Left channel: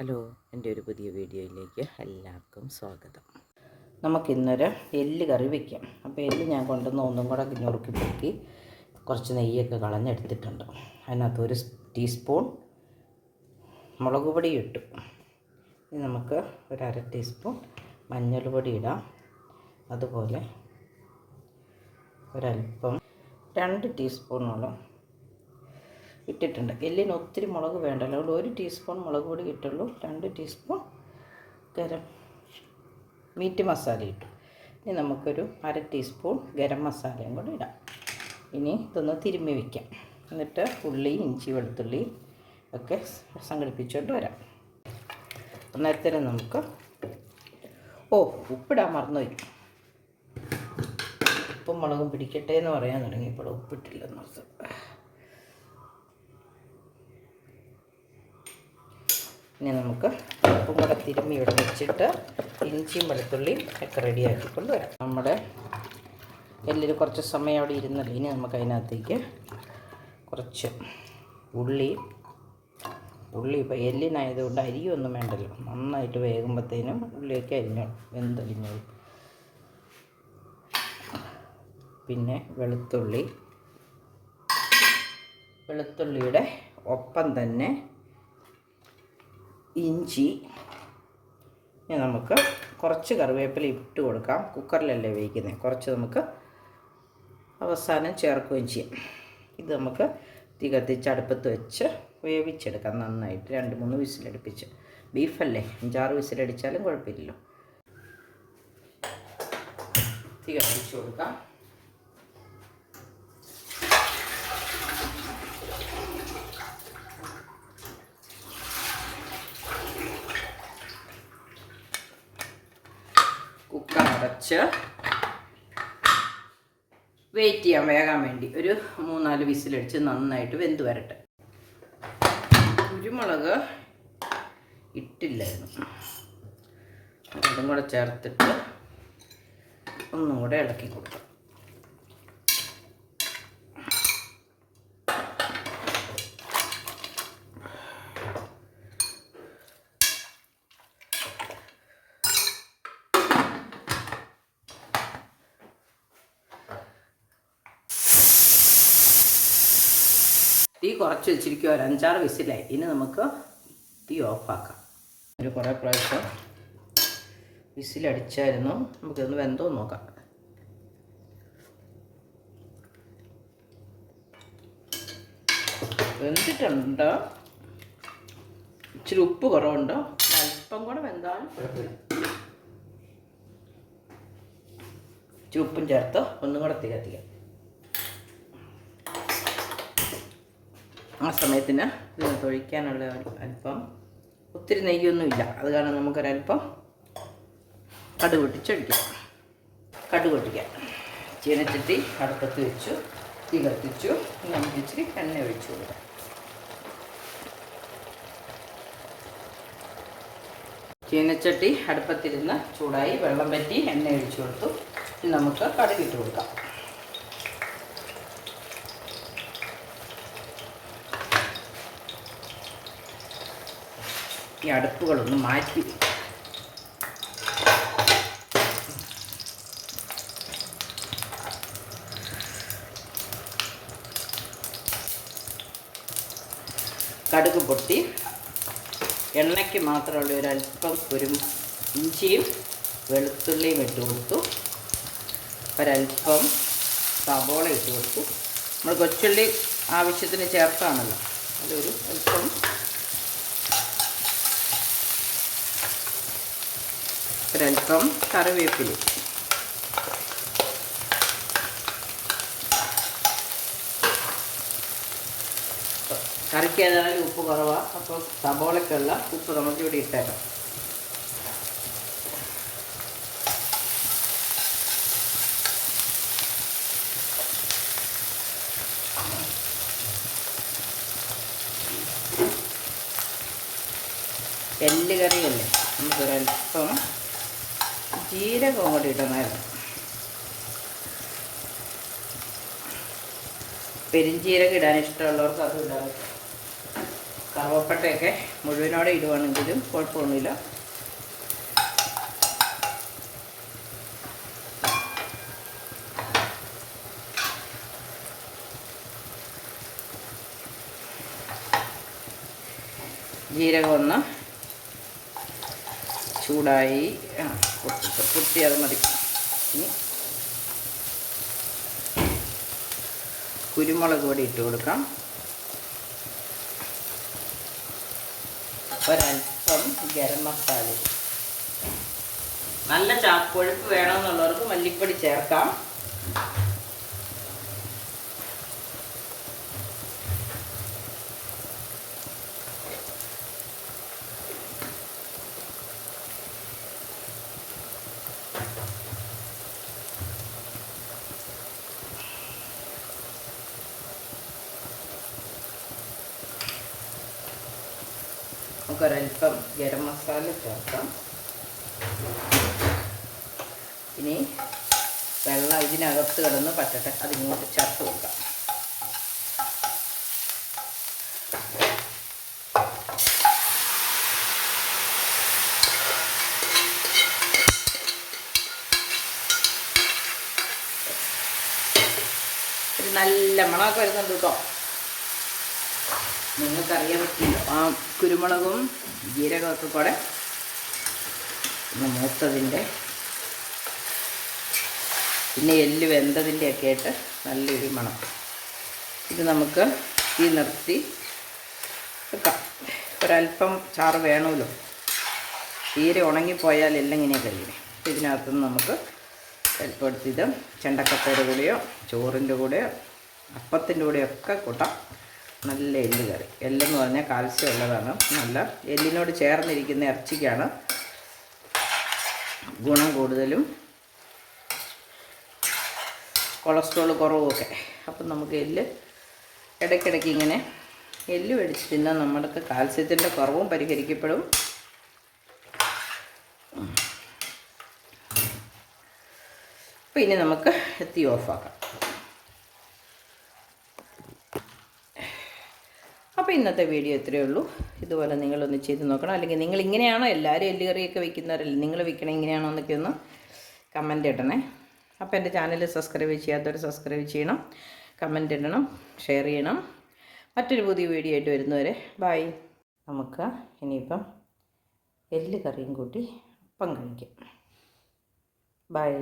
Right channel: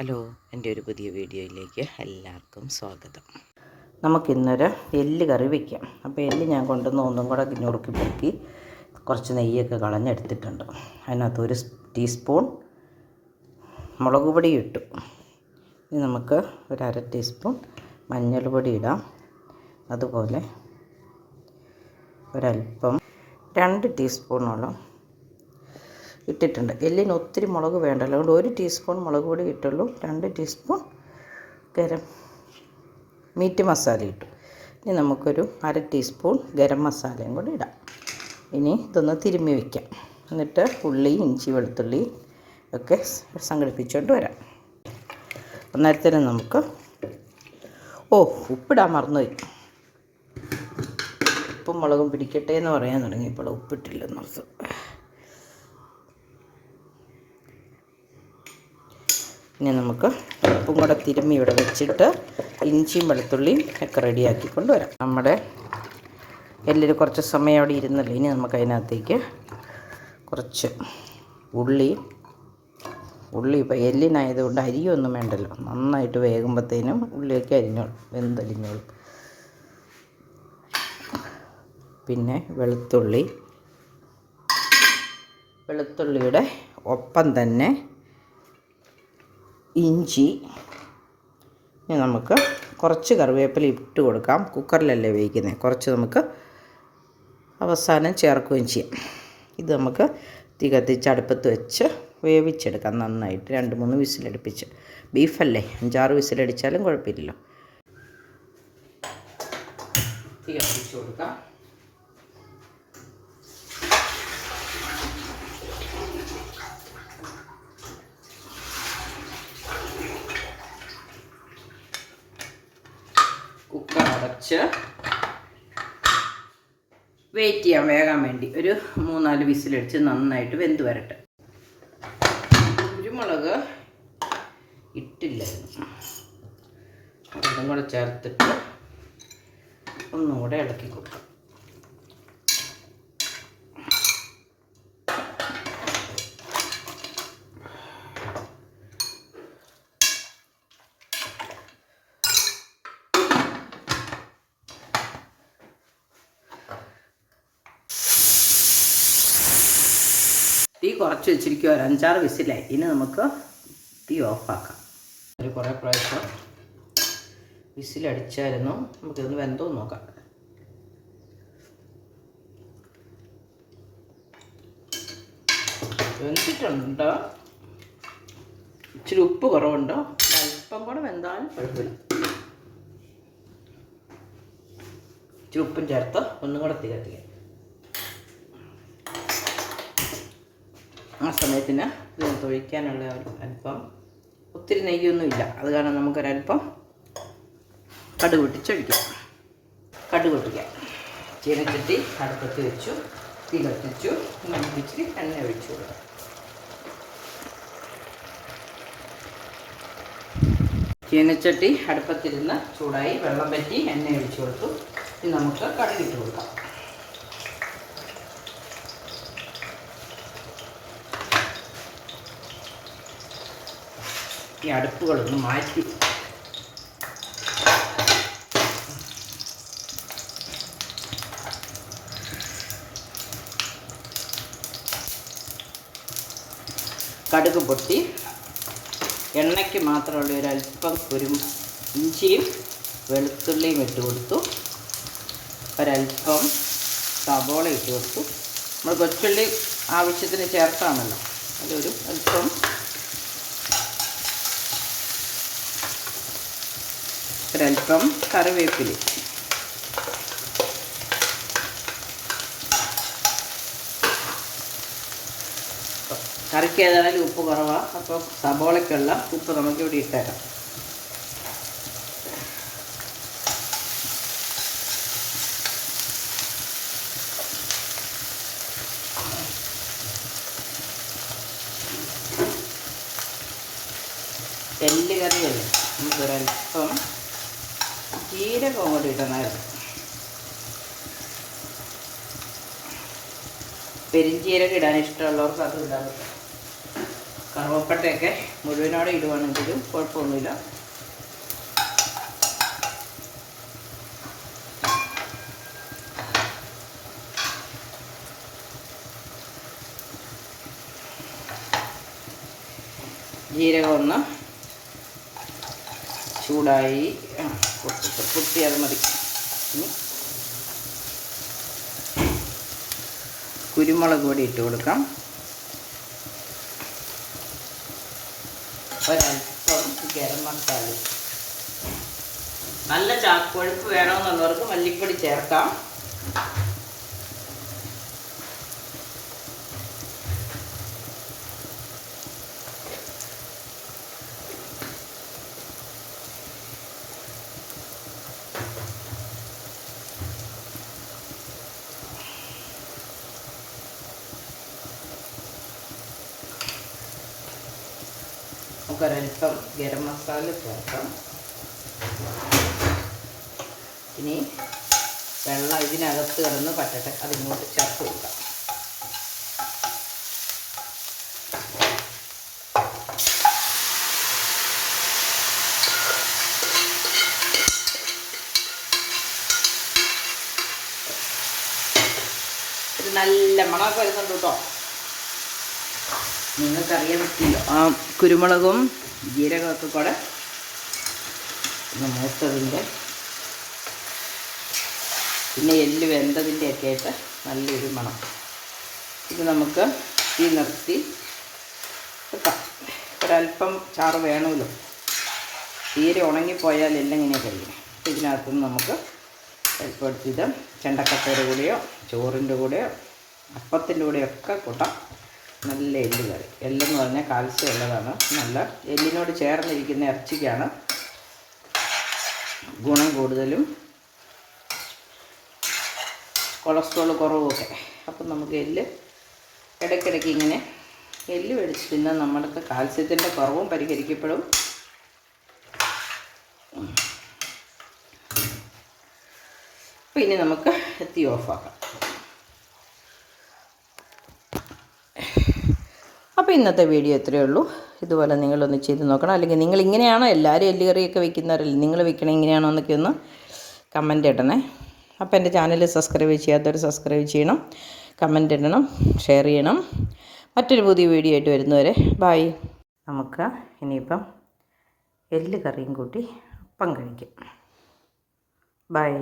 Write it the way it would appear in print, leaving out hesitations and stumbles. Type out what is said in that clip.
Hello, എൻ്റെ ഒരു പുതിയ വീഡിയോയിലേക്ക് എല്ലാവർക്കും സ്വാഗതം. നമുക്കിന്നൊരു എല്ല് കറി വയ്ക്കാം. അപ്പോൾ എല്ല് ഞാൻ കൊണ്ടുവന്ന് ഒന്നും കൂടെ ഞുറുക്കി പൊക്കി കുറച്ച് നെയ്യൊക്കെ കളഞ്ഞെടുത്തിട്ടുണ്ട്. അതിനകത്ത് 1 ടീസ്പൂൺ മുളക് പൊടി ഇട്ടു. ഇനി നമുക്ക് 1/2 ടീസ്പൂൺ മഞ്ഞൾപ്പൊടി ഇടാം. അതുപോലെ ഒരല്പം 2 ടീസ്പൂണോളം ഇട്ടിട്ടുണ്ട്. എല്ലിന് ഒത്തിരി മുളക് വേണ്ടല്ലോ, അതുകൊണ്ട് 1 ടീസ്പൂൺ മുളക് പൊടി ഇട്ടുള്ളൂ. 2 ടീസ്പൂൺ മീറ്റ് മസാല ഇട്ടു. ഇനി നമുക്കൊരു 1/2 ടീസ്പൂൺ ഗരം മസാലയും കൂടി ഇടാം. ഇനി ഇതൊന്ന് തിരുമ്മി വയ്ക്കാം. എന്നിട്ട് ഉള്ളി, ഇഞ്ചി, വെളുത്തുള്ളി ഒക്കെ സംഘടിപ്പിച്ചുകൊണ്ട് വരാം. അന്നേരത്തിന് നമുക്ക് ഉപ്പിടാൻ മറന്നുപോയി. ഉപ്പും മുളകും പിടിക്കട്ടെ എന്ന് പറയാൻ തുടങ്ങിയപ്പോൾ ഉപ്പിട്ടില്ലെന്ന് ഓർത്തു. ഇനി നമുക്ക് ഉപ്പും കൂടെ തിരുമ്മി ഇവിടെ വെച്ചിട്ട് ഇഞ്ചിയും വെളുത്തുള്ളിയും ഒക്കെ റെഡിയാക്കി കൊണ്ടുവരാം. നമ്മുടെ എല്ലിൽ കുറച്ച് സമയം അവിടെ ഇരുന്നല്ലോ. ഇനി നമുക്ക് അതിനകത്തേക്ക് കുറച്ച് ഉള്ളി ഇപ്പോൾ എല്ലിനായതുകൊണ്ട് അരിയൊന്നും വേണ്ടല്ലോ, നന്നായിട്ട് വേകുമ്പോഴത്തേനും ഉള്ളിയൊക്കെ അരിഞ്ഞോളും, വെന്തലിഞ്ഞോളും. പിന്നെ വെളുത്തുള്ളിയുടെ ഒപ്പം തന്നെ ഇഞ്ചി. ഇനി നമുക്ക് കുറച്ച് കറിവേപ്പില ഇട്ട് കൊടുക്കാം. കുക്കറിലല്ലേ വേവിക്കുന്നത്, കുറച്ച് നമുക്ക് അവസാനം ചേർക്കുകയും ചെയ്യാം. ഇത് നമുക്ക് തീ കത്തിച്ച് അടുപ്പത്ത് വെച്ച് വേവിച്ചെടുക്കാം നന്നായിട്ട്. 2-3 വിസിലടുപ്പിച്ച്. ബീഫല്ലേ, 5-6 വിസിലടിച്ചാലും കുഴപ്പമില്ലല്ലോ. തീ കത്തിച്ച് കൊടുക്കാം. കുക്കർ അടച്ച് വെയിറ്റ് ചെയ്യാം വേകാൻ വേണ്ടി. ഒരു 3-4 വിസിലടിച്ച് നന്നായിട്ട് വെന്ത് വരട്ടെ. കുരുമുളക് ഇട്ടില്ലായിരുന്നു, അതും കൂടെ ചേർത്തിട്ട് ഒന്നും കൂടെ ഇളക്കി കൊടുക്കാം. തീ കുറച്ച് വെച്ചിരിക്കുക. 5-6 വിസിലായി. ഇനി നമുക്ക് തീ ഓഫാക്കാം. കുറേ പ്രാവശ്യം വിസിലടിച്ചായിരുന്നു. നമുക്കിതൊന്ന് വെന്തോ നോക്കാം. വെന്തിട്ടുണ്ടോ? ഇച്ചിരി ഉപ്പ് കുറവുണ്ടോ? അല്പം കൂടെ വെന്താലും കുഴപ്പമില്ല. ഇച്ചിരി ഉപ്പും ചേർത്ത് ഒന്നും കൂടെ തീ കത്തിക്കാം. ആ സമയത്തിന് ഇതിനകത്ത് ഒഴിക്കാനുള്ള അല്പം, ഒത്തിരി നെയ്യൊന്നുമില്ല, അത് കാരണം നമുക്കൊരല്പം കടുക് പൊട്ടിച്ചൊഴിക്കാം. ചീനച്ചട്ടി അടുപ്പത്ത് വെച്ചു, തീ കത്തിച്ചു. നമുക്ക് ഇച്ചിരി എണ്ണ ഒഴിച്ചു കൊടുക്കാം. ചീനച്ചട്ടി അടുപ്പത്തിരുന്ന് ചൂടായി, വെള്ളം പറ്റി, എണ്ണ ഒഴിച്ചു കൊടുത്തു. ഇനി നമുക്ക് കടുകിട്ട് കൊടുക്കാം. ഈ അടുപ്പുകളൊന്ന് മാറ്റി കടുക് പൊട്ടി എണ്ണയ്ക്ക് മാത്രമുള്ള ഒരല്പം ഇഞ്ചിയും വെളുത്തുള്ളിയും ഇട്ട് കൊടുത്തു. ഒരല്പം സബോള ഇട്ട് കൊടുത്തു. നമ്മൾ കൊച്ചുള്ളി ആവശ്യത്തിന് ചേർത്താണല്ലോ, അതൊരു അല്പം. ഒരല്പം കറിവേപ്പില. കറിക്ക് ഏതായാലും ഉപ്പ് കുറവാണ്, അപ്പോൾ സബോളയ്ക്കുള്ള ഉപ്പ് നമുക്കിവിടെ ഇട്ടേക്കാം. എല്ല് കറിയല്ലേ, നമുക്കൊരല്പം ജീരകം കൂടി ഇടണമായിരുന്നു. പെരിഞ്ജീരകം ഇടാൻ ഇഷ്ടമുള്ളവർക്ക് അതും ഇടാൻ പറ്റും. കറുവപ്പട്ടയൊക്കെ മുഴുവനോടെ ഇടുവാണെങ്കിലും കുഴപ്പമൊന്നുമില്ല. ജീരകം ഒന്ന് ചൂടായി കുത്തി അത് മതി. ഇനി കുരുമുളക് പൊടി ഇട്ട് കൊടുക്കാം. ഒരൽപ്പം ഗരം മസാല. നല്ല കൊഴുപ്പ് വേണമെന്നുള്ളവർക്ക് മല്ലിപ്പൊടി ചേർക്കാം. നമുക്കൊരൽപ്പം ഗരം മസാല ചേർക്കാം. ഇനി വെള്ളം ഇതിനകത്ത് കിടന്ന് പറ്റട്ടെ, അതിങ്ങോട്ട് ചേർത്ത് കൊടുക്കാം. ഒരു നല്ല മണമൊക്കെ വരുന്നുണ്ട് കേട്ടോ. നിങ്ങൾക്കറിയാൻ പറ്റില്ല, ആ കുരുമുളകും ജീരകമൊക്കെ കൂടെ മൂത്തതിൻ്റെ പിന്നെ എല്ല് വെന്തതിൻ്റെ ഒക്കെ ആയിട്ട് നല്ലൊരു മണം. ഇത് നമുക്ക് ഈ നിർത്തി വെക്കാം. ഒരല്പം ചാറ് വേണമല്ലോ, തീരെ ഉണങ്ങിപ്പോയാൽ എല്ലാം ഇങ്ങനെ കഴിയും. ഇതിനകത്തുനിന്ന് നമുക്ക് അല്പം എടുത്തിത് ചെണ്ടക്കപ്പയുടെ കൂടെയോ ചോറിൻ്റെ കൂടെയോ അപ്പത്തിൻ്റെ കൂടെയൊക്കെ കൂട്ടാം. നല്ല എല്ല് കറി. എല്ലെന്ന് പറഞ്ഞാൽ കാൽസ്യം ഉള്ളതാണ്. നല്ല എല്ലിനോട് ചേർന്നിരിക്കുന്ന ഇറച്ചിക്കാണ് ഗുണം കൂടുതലും, കൊളസ്ട്രോൾ കുറവുമൊക്കെ. അപ്പം നമുക്ക് എല്ല് ഇടയ്ക്കിടയ്ക്ക് ഇങ്ങനെ എല്ല് മേടിച്ച് തിന്നാൽ നമ്മൾക്ക് കാൽസ്യത്തിൻ്റെ കുറവും പരിഹരിക്കപ്പെടും. അപ്പോൾ ഇനി നമുക്ക് തീ ഓഫാക്കാം. അപ്പോൾ ഇന്നത്തെ വീഡിയോ ഇത്രയേ ഉള്ളൂ. ഇതുപോലെ നിങ്ങളൊന്ന് ചെയ്ത് നോക്കണം. അല്ലെങ്കിൽ നിങ്ങൾ ഇങ്ങനെയാണോ, എല്ലാവരും എല്ല് കറിയൊക്കെ വെക്കുന്നവരല്ലേ, നിങ്ങൾ വെക്കണേ ഇങ്ങനെയാണോ എന്നൊക്കെ ഒന്ന് കമൻ്റ് ഇടണേ. അപ്പോൾ എൻ്റെ ചാനൽ സബ്സ്ക്രൈബ് ചെയ്യാത്തവർ സബ്സ്ക്രൈബ് ചെയ്യണം, കമൻ്റ് ഇടണം, ഷെയർ ചെയ്യണം. മറ്റൊരു പുതിയ വീഡിയോ ആയിട്ട് വരുന്നവരെ ബായ്. നമുക്ക് ഇനിയിപ്പം എല്ല് കറിയും കൂട്ടി അപ്പം കഴിക്കാം. ബായ്.